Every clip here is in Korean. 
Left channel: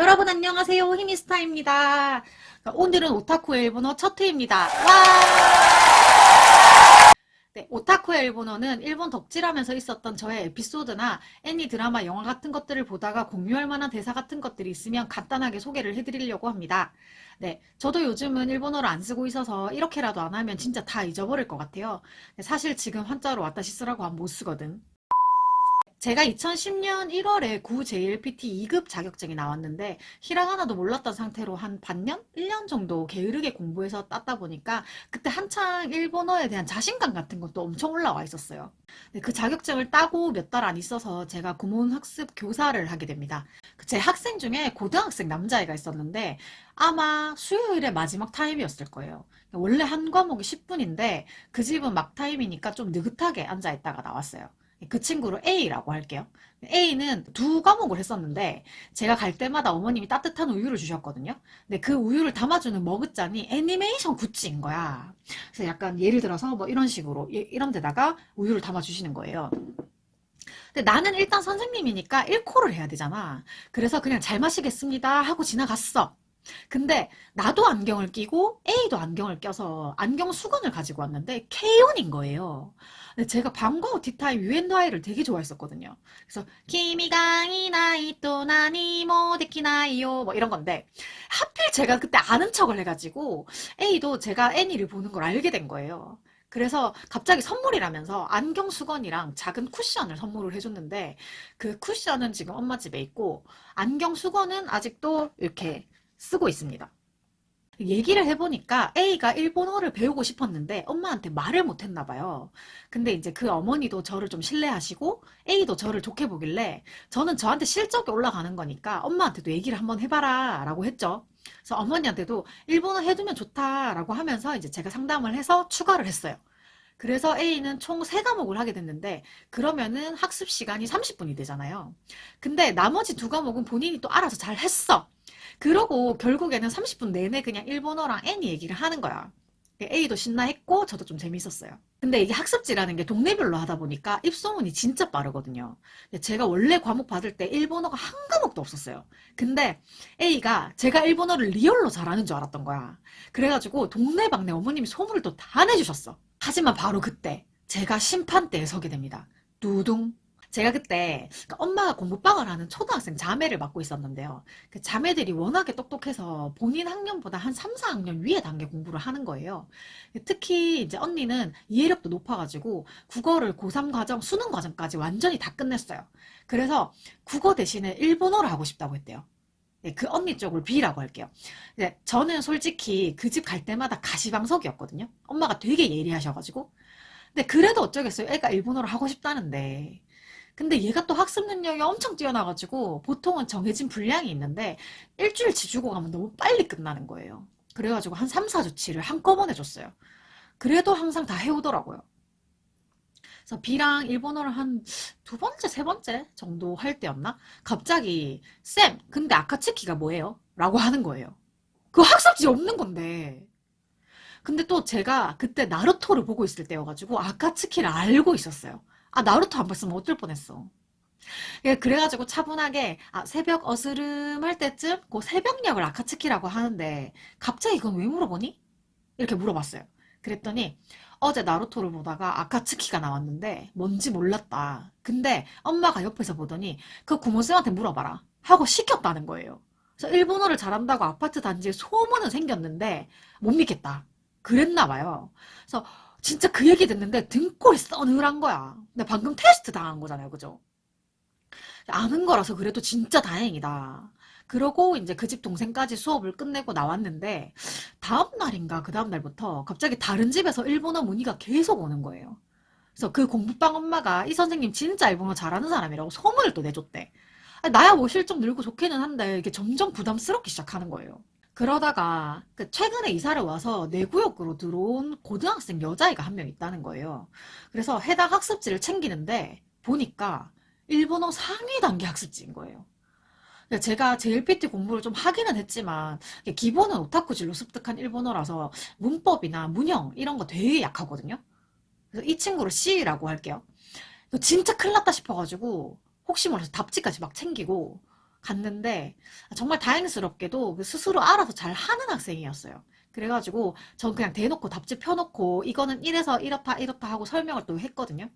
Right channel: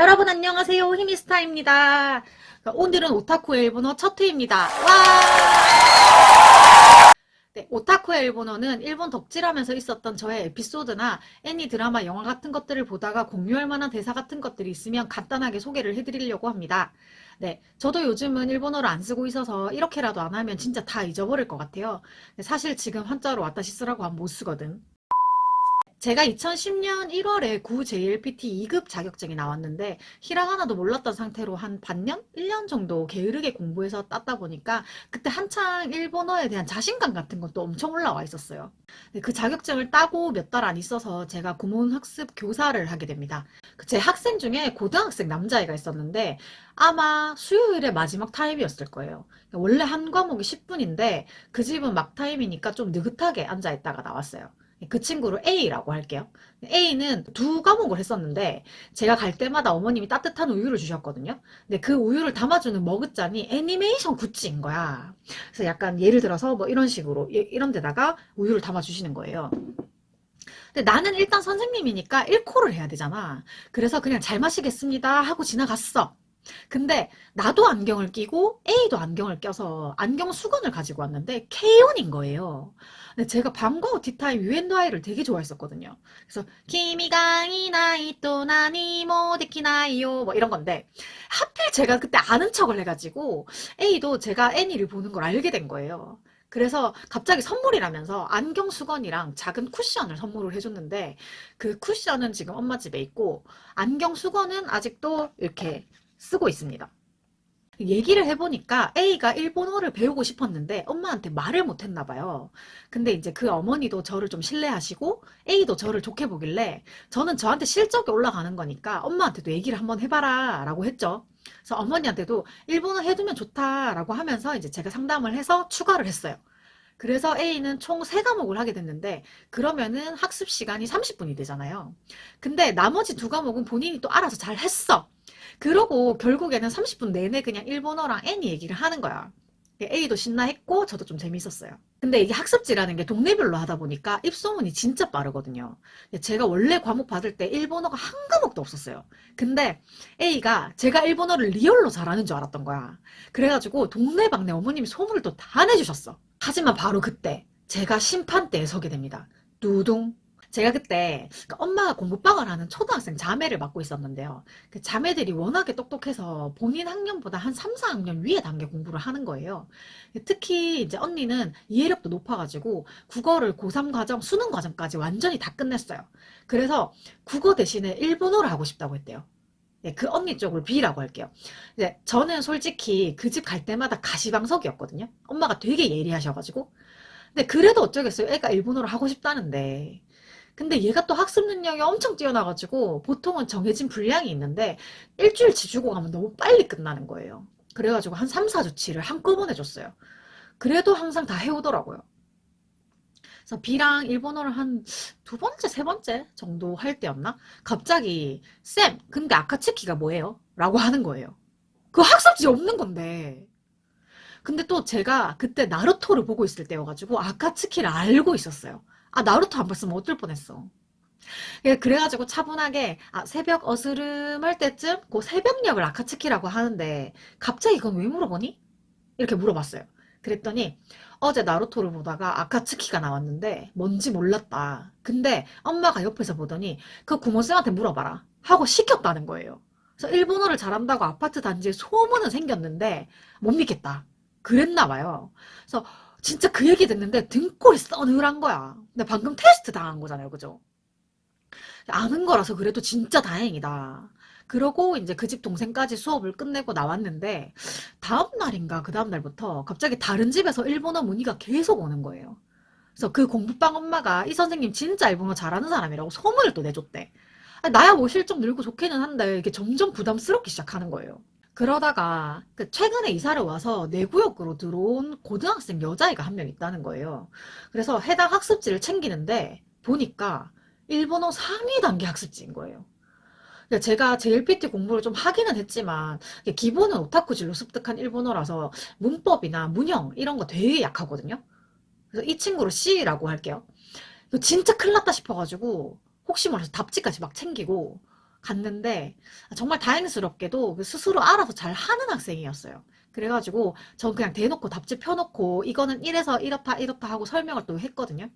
여러분 안녕하세요. 히미스타입니다. 오늘은 오타쿠의 일본어 첫 회입니다. 와! 네, 오타쿠의 일본어는 일본 덕질하면서 있었던 저의 에피소드나 애니, 드라마, 영화 같은 것들을 보다가 공유할 만한 대사 같은 것들이 있으면 간단하게 소개를 해드리려고 합니다. 네, 저도 요즘은 일본어를 안 쓰고 있어서 이렇게라도 안 하면 진짜 다 잊어버릴 것 같아요. 사실 지금 한자로 와타시 쓰라고 하면 못 쓰거든. 제가 2010년 1월에 구 JLPT 2급 자격증이 나왔는데 히라가나도 몰랐던 상태로 한 반년? 1년 정도 게으르게 공부해서 땄다 보니까 그때 한창 일본어에 대한 자신감 같은 것도 엄청 올라와 있었어요. 그 자격증을 따고 몇 달 안 있어서 제가 구몬학습 교사를 하게 됩니다. 제 학생 중에 고등학생 남자애가 있었는데 아마 수요일에 마지막 타임이었을 거예요. 원래 한 과목이 10분인데 그 집은 막 타임이니까 좀 느긋하게 앉아있다가 나왔어요. 그 친구를 A라고 할게요. A는 두 과목을 했었는데 제가 갈 때마다 어머님이 따뜻한 우유를 주셨거든요. 근데 그 우유를 담아주는 머그잔이 애니메이션 굿즈인 거야. 그래서 약간 예를 들어서 뭐 이런 식으로 이런 데다가 우유를 담아주시는 거예요. 근데 나는 일단 선생님이니까 1코를 해야 되잖아. 그래서 그냥 잘 마시겠습니다 하고 지나갔어. 근데 나도 안경을 끼고 A도 안경을 껴서 안경 수건을 가지고 왔는데 K1인 거예요. 근데 제가 밤과 후 티타임 유엔도 아이를 되게 좋아했었거든요. 그래서 키미가 이나이 또 나니 모 데키나이요 뭐 이런 건데 하필 제가 그때 아는 척을 해가지고 A도 제가 애니를 보는 걸 알게 된 거예요. 그래서 갑자기 선물이라면서 안경 수건이랑 작은 쿠션을 선물을 해줬는데 그 쿠션은 지금 엄마 집에 있고 안경 수건은 아직도 이렇게 쓰고 있습니다. 얘기를 해보니까 A가 일본어를 배우고 싶었는데 엄마한테 말을 못했나 봐요. 근데 이제 그 어머니도 저를 좀 신뢰하시고 A도 저를 좋게 보길래 저는 저한테 실적이 올라가는 거니까 엄마한테도 얘기를 한번 해봐라 라고 했죠. 그래서 어머니한테도 일본어 해두면 좋다라고 하면서 이제 제가 상담을 해서 추가를 했어요. 그래서 A는 총 3과목을 하게 됐는데 그러면은 학습 시간이 30분이 되잖아요. 근데 나머지 2과목은 본인이 또 알아서 잘 했어. 그러고 결국에는 30분 내내 그냥 일본어랑 애니 얘기를 하는 거야. A도 신나했고 저도 좀 재밌었어요. 근데 이게 학습지라는 게 동네별로 하다 보니까 입소문이 진짜 빠르거든요. 제가 원래 과목 받을 때 일본어가 한 과목도 없었어요. 근데 A가 제가 일본어를 리얼로 잘하는 줄 알았던 거야. 그래가지고 동네방네 어머님이 소문을 또 다 내주셨어. 하지만 바로 그때 제가 심판대에 서게 됩니다. 두둥. 제가 그때 엄마가 공부방을 하는 초등학생 자매를 맡고 있었는데요. 그 자매들이 워낙에 똑똑해서 본인 학년보다 한 3, 4학년 위에 단계 공부를 하는 거예요. 특히 이제 언니는 이해력도 높아가지고 국어를 고3 과정, 수능 과정까지 완전히 다 끝냈어요. 그래서 국어 대신에 일본어를 하고 싶다고 했대요. 네, 그 언니 쪽으로 B라고 할게요. 네, 저는 솔직히 그 집 갈 때마다 가시방석이었거든요. 엄마가 되게 예리하셔가지고. 근데 그래도 어쩌겠어요. 애가 일본어를 하고 싶다는데. 근데 얘가 또 학습 능력이 엄청 뛰어나가지고 보통은 정해진 분량이 있는데 일주일 지주고 가면 너무 빨리 끝나는 거예요. 그래가지고 한 3, 4주치를 한꺼번에 줬어요. 그래도 항상 다 해오더라고요. 그래서 B랑 일본어를 한 두 번째, 세 번째 정도 할 때였나? 갑자기 쌤, 근데 아카츠키가 뭐예요? 라고 하는 거예요. 그 학습지 없는 건데. 근데 또 제가 그때 나루토를 보고 있을 때여가지고 아카츠키를 알고 있었어요. 아, 나루토 안 봤으면 어쩔 뻔했어. 그래가지고 차분하게 새벽 어스름할 때쯤 그 새벽녘을 아카츠키라고 하는데 갑자기 그건 왜 물어보니? 이렇게 물어봤어요. 그랬더니 어제 나루토를 보다가 아카츠키가 나왔는데 뭔지 몰랐다. 근데 엄마가 옆에서 보더니 그 구몬쌤한테 물어봐라 하고 시켰다는 거예요. 그래서 일본어를 잘한다고 아파트 단지에 소문은 생겼는데 못 믿겠다. 그랬나 봐요. 그래서 진짜 그 얘기 듣는데 등골이 서늘한 거야. 근데 방금 테스트 당한 거잖아요. 그죠? 아는 거라서 그래도 진짜 다행이다. 그러고 이제 그 집 동생까지 수업을 끝내고 나왔는데 다음 날인가 그 다음 날부터 갑자기 다른 집에서 일본어 문의가 계속 오는 거예요. 그래서 그 공부방 엄마가 이 선생님 진짜 일본어 잘하는 사람이라고 소문을 또 내줬대. 나야 뭐 실적 늘고 좋기는 한데 이게 점점 부담스럽기 시작하는 거예요. 그러다가 최근에 이사를 와서 내 구역으로 들어온 고등학생 여자애가 한 명 있다는 거예요. 그래서 해당 학습지를 챙기는데 보니까 일본어 상위 단계 학습지인 거예요. 제가 JLPT 공부를 좀 하기는 했지만 기본은 오타쿠질로 습득한 일본어라서 문법이나 문형 이런 거 되게 약하거든요. 그래서 이 친구를 C라고 할게요. 이거 진짜 큰일 났다 싶어가지고 혹시 몰라서 답지까지 막 챙기고 갔는데 정말 다행스럽게도 스스로 알아서 잘 하는 학생이었어요. 그래가지고 전 그냥 대놓고 답지 펴놓고 이거는 이래서 이렇다 이렇다 하고 설명을 또 했거든요.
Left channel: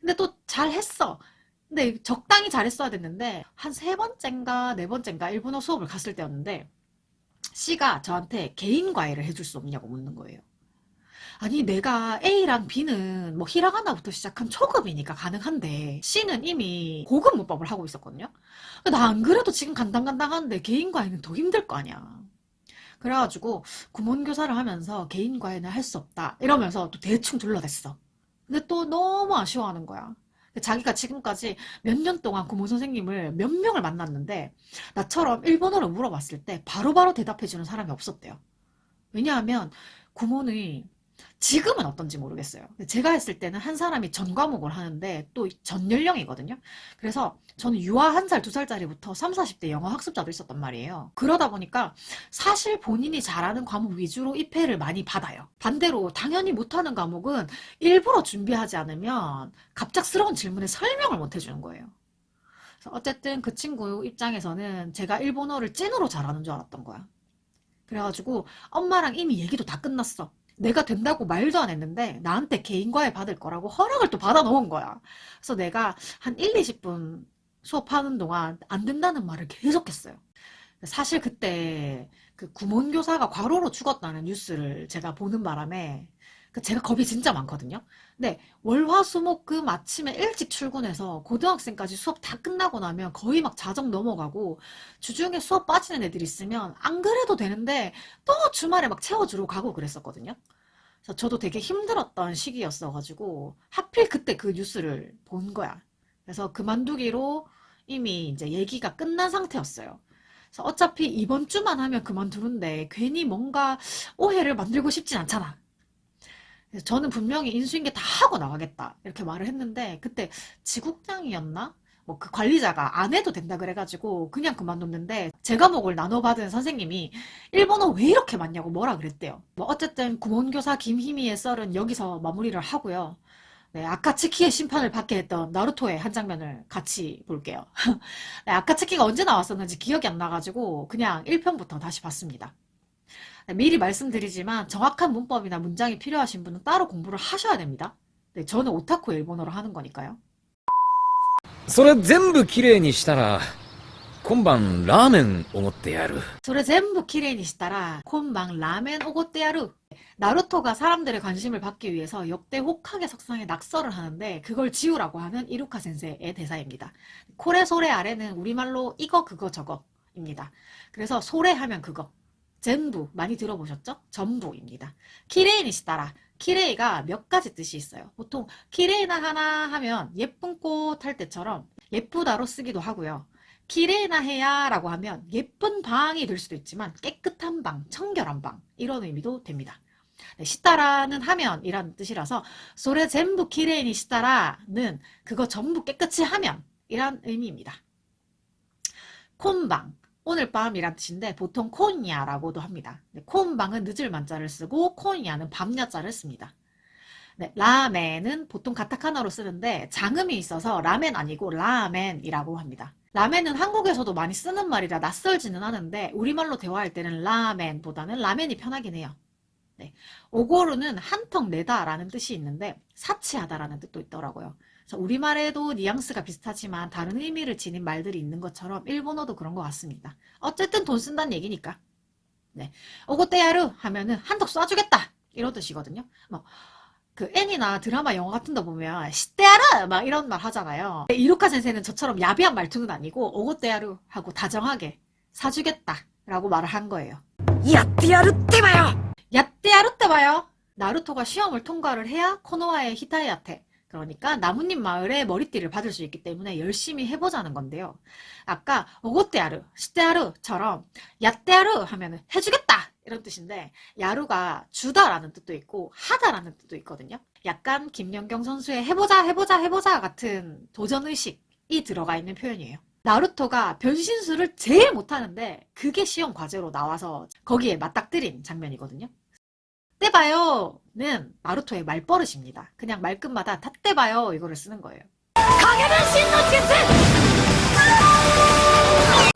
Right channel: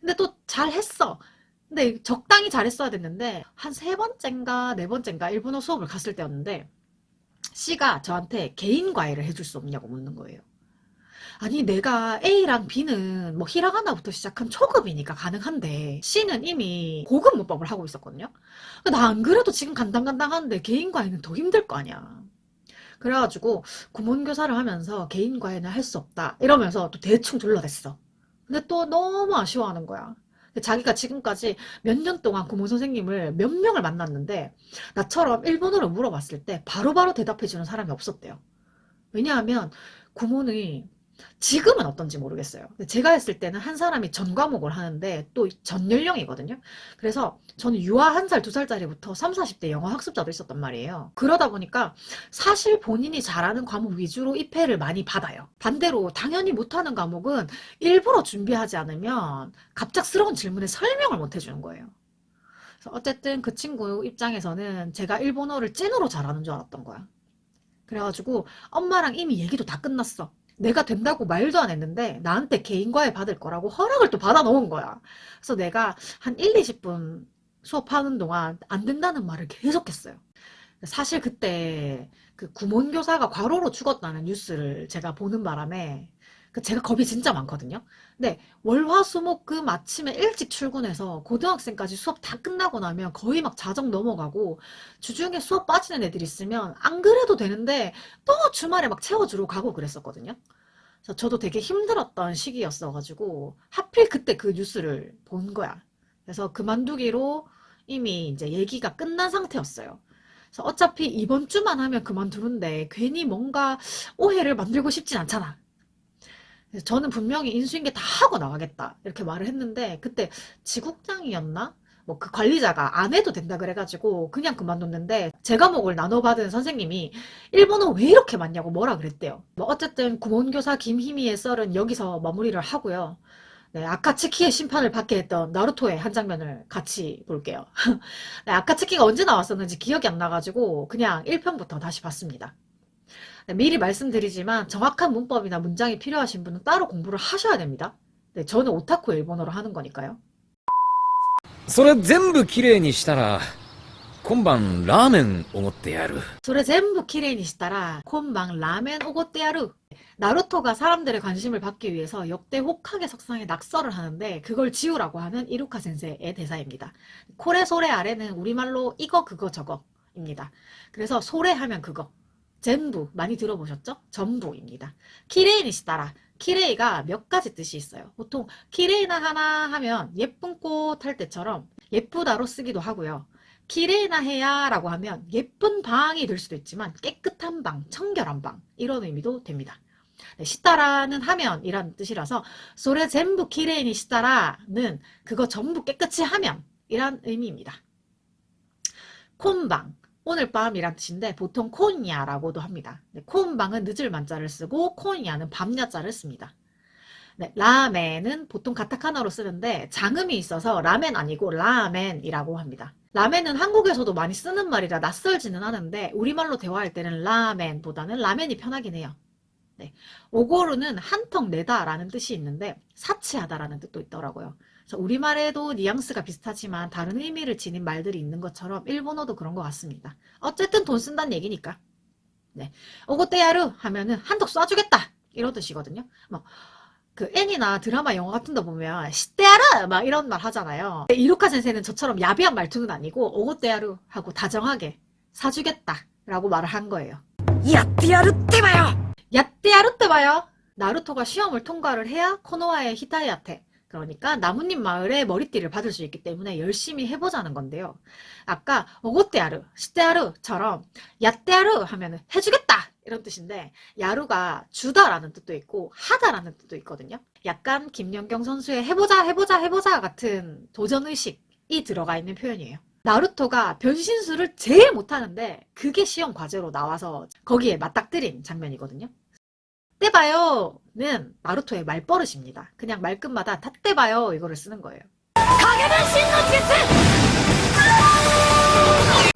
근데 또 잘했어. 근데 적당히 잘했어야 됐는데 한 세 번째인가 네 번째인가 일본어 수업을 갔을 때였는데 C가 저한테 개인 과외를 해줄 수 없냐고 묻는 거예요. 아니 내가 A랑 B는 뭐 히라가나부터 시작한 초급이니까 가능한데 C는 이미 고급 문법을 하고 있었거든요. 나 안 그래도 지금 간당간당한데 개인 과외는 더 힘들 거 아니야. 그래가지고 구몬교사를 하면서 개인 과외는 할 수 없다 이러면서 또 대충 둘러댔어. 근데 또 너무 아쉬워하는 거야. 자기가 지금까지 몇 년 동안 구몬 선생님을 몇 명을 만났는데 나처럼 일본어로 물어봤을 때 바로바로 대답해주는 사람이 없었대요. 왜냐하면 구몬이 지금은 어떤지 모르겠어요. 제가 했을 때는 한 사람이 전 과목을 하는데 또 전 연령이거든요. 그래서 저는 유아 1살, 2살짜리부터 3, 40대 영어 학습자도 있었단 말이에요. 그러다 보니까 사실 본인이 잘하는 과목 위주로 입회를 많이 받아요. 반대로 당연히 못하는 과목은 일부러 준비하지 않으면 갑작스러운 질문에 설명을 못 해주는 거예요. 그래서 어쨌든 그 친구 입장에서는 제가 일본어를 찐으로 잘하는 줄 알았던 거야. 그래가지고 엄마랑 이미 얘기도 다 끝났어. 내가 된다고 말도 안 했는데 나한테 개인 과외 받을 거라고 허락을 또 받아 놓은 거야. 그래서 내가 한 1, 20분 수업하는 동안 안 된다는 말을 계속했어요. 사실 그때 그 구몬교사가 과로로 죽었다는 뉴스를 제가 보는 바람에 제가 겁이 진짜 많거든요. 근데 월화수목금 아침에 일찍 출근해서 고등학생까지 수업 다 끝나고 나면 거의 막 자정 넘어가고 주중에 수업 빠지는 애들 있으면 안 그래도 되는데 또 주말에 막 채워주러 가고 그랬었거든요. 그래서 저도 되게 힘들었던 시기였어가지고 하필 그때 그 뉴스를 본 거야. 그래서 그만두기로 이미 이제 얘기가 끝난 상태였어요. 그래서 어차피 이번 주만 하면 그만두는데 괜히 뭔가 오해를 만들고 싶진 않잖아. 그래서 저는 분명히 인수인계 다 하고 나가겠다 이렇게 말을 했는데 그때 지국장이었나? 뭐 그 관리자가 안 해도 된다 그래가지고 그냥 그만뒀는데 제 과목을 나눠받은 선생님이 일본어 왜 이렇게 많냐고 뭐라 그랬대요. 뭐 어쨌든 구몬교사 김희미의 썰은 여기서 마무리를 하고요. 네, 아카츠키의 심판을 받게 했던 나루토의 한 장면을 같이 볼게요. 네, 아카츠키가 언제 나왔었는지 기억이 안 나가지고 그냥 1편부터 다시 봤습니다. 네, 미리 말씀드리지만 정확한 문법이나 문장이 필요하신 분은 따로 공부를 하셔야 됩니다. 네, 저는 오타쿠 일본어로 하는 거니까요. それ全部きれいにしたら今晩ラーメンおごってやる。 それ全部きれいにしたら今晩 라멘 오고떼 야루. 나루토가 사람들의 관심을 받기 위해서 역대 호카게 석상에 낙서를 하는데 그걸 지우라고 하는 이루카 센세의 대사입니다. 코레 소레 아래는 우리말로 이거 그거 저거입니다. 그래서 소레 하면 그거, 전부 많이 들어보셨죠? 전부입니다. 키레이니시따라. 키레이가 몇 가지 뜻이 있어요. 보통 키레이나 하나 하면 예쁜 꽃 할 때처럼 예쁘다로 쓰기도 하고요. 키레이나 해야 라고 하면 예쁜 방이 될 수도 있지만 깨끗한 방, 청결한 방 이런 의미도 됩니다. 네, 시따라는 하면 이란 뜻이라서 소레 전부 키레이니 시따라는 그거 전부 깨끗이 하면 이란 의미입니다. 콘방 오늘 밤이란 뜻인데 보통 콘야라고도 합니다. 네, 콘방은 늦을 만자를 쓰고 콘야는 밤야자를 씁니다. 네, 라멘은 보통 가타카나로 쓰는데 장음이 있어서 라멘 아니고 라멘이라고 합니다. 라멘은 한국에서도 많이 쓰는 말이라 낯설지는 않은데 우리말로 대화할 때는 라멘보다는 라멘이 편하긴 해요. 네, 오고르는 한턱 내다 라는 뜻이 있는데 사치하다 라는 뜻도 있더라고요. 우리말에도 뉘앙스가 비슷하지만 다른 의미를 지닌 말들이 있는 것처럼 일본어도 그런 것 같습니다. 어쨌든 돈 쓴다는 얘기니까. 네, 오고떼야루 하면은 한턱 쏴주겠다 이런 뜻이거든요. 뭐 그 애니나 드라마 영화 같은 데 보면 시떼야루 막 이런 말 하잖아요. 이루카 센세는 저처럼 야비한 말투는 아니고 오고떼야루 하고 다정하게 사주겠다 라고 말을 한 거예요. 야떼야루 때봐요. 야떼야루 때봐요. 나루토가 시험을 통과를 해야 코노하의 히타이한테 그러니까 나뭇잎 마을에 머리띠를 받을 수 있기 때문에 열심히 해보자는 건데요. 아까 오고떼야루, 시떼야루처럼 야떼야루 하면 해주겠다 이런 뜻인데 야루가 주다라는 뜻도 있고 하다라는 뜻도 있거든요. 약간 김연경 선수의 해보자 해보자 해보자 같은 도전의식이 들어가 있는 표현이에요. 나루토가 변신술을 제일 못하는데 그게 시험 과제로 나와서 거기에 맞닥뜨린 장면이거든요. 떼봐요는 나루토의 말버릇입니다. 그냥 말끝마다 다 떼봐요 이거를 쓰는 거예요. 가게는 신노 짓을!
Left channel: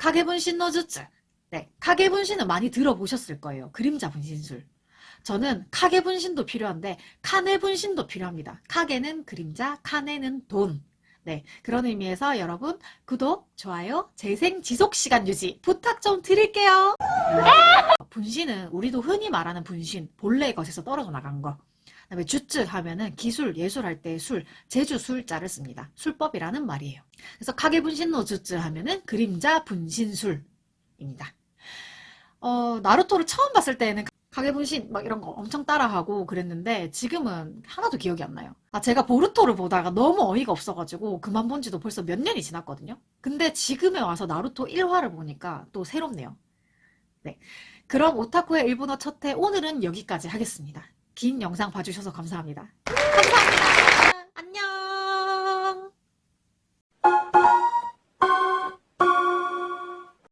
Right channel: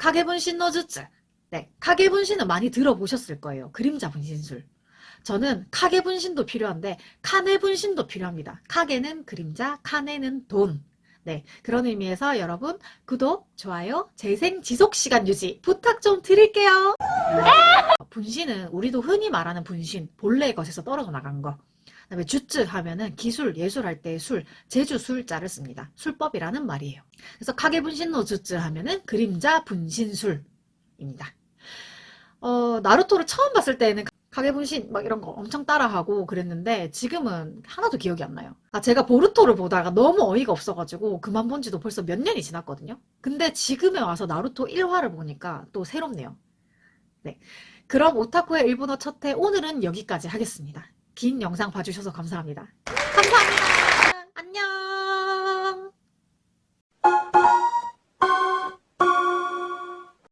카게분신 노즈츠. 네, 카게분신은 많이 들어보셨을 거예요. 그림자 분신술. 저는 카게 분신도 필요한데 카네 분신도 필요합니다. 카게는 그림자, 카네는 돈. 네, 그런 의미에서 여러분 구독, 좋아요, 재생 지속 시간 유지 부탁 좀 드릴게요. 분신은 우리도 흔히 말하는 분신, 본래의 것에서 떨어져 나간 거. 그다음에 주츠 하면은 기술, 예술할 때 술, 제주 술자를 씁니다. 술법이라는 말이에요. 그래서 카게 분신노 주츠 하면은 그림자 분신술입니다. 나루토를 처음 봤을 때는 카게분신 막 이런 거 엄청 따라하고 그랬는데 지금은 하나도 기억이 안 나요. 제가 보루토를 보다가 너무 어이가 없어가지고 그만 본 지도 벌써 몇 년이 지났거든요. 근데 지금에 와서 나루토 1화를 보니까 또 새롭네요. 네, 그럼 오타쿠의 일본어 첫회 오늘은 여기까지 하겠습니다. 긴 영상 봐주셔서 감사합니다.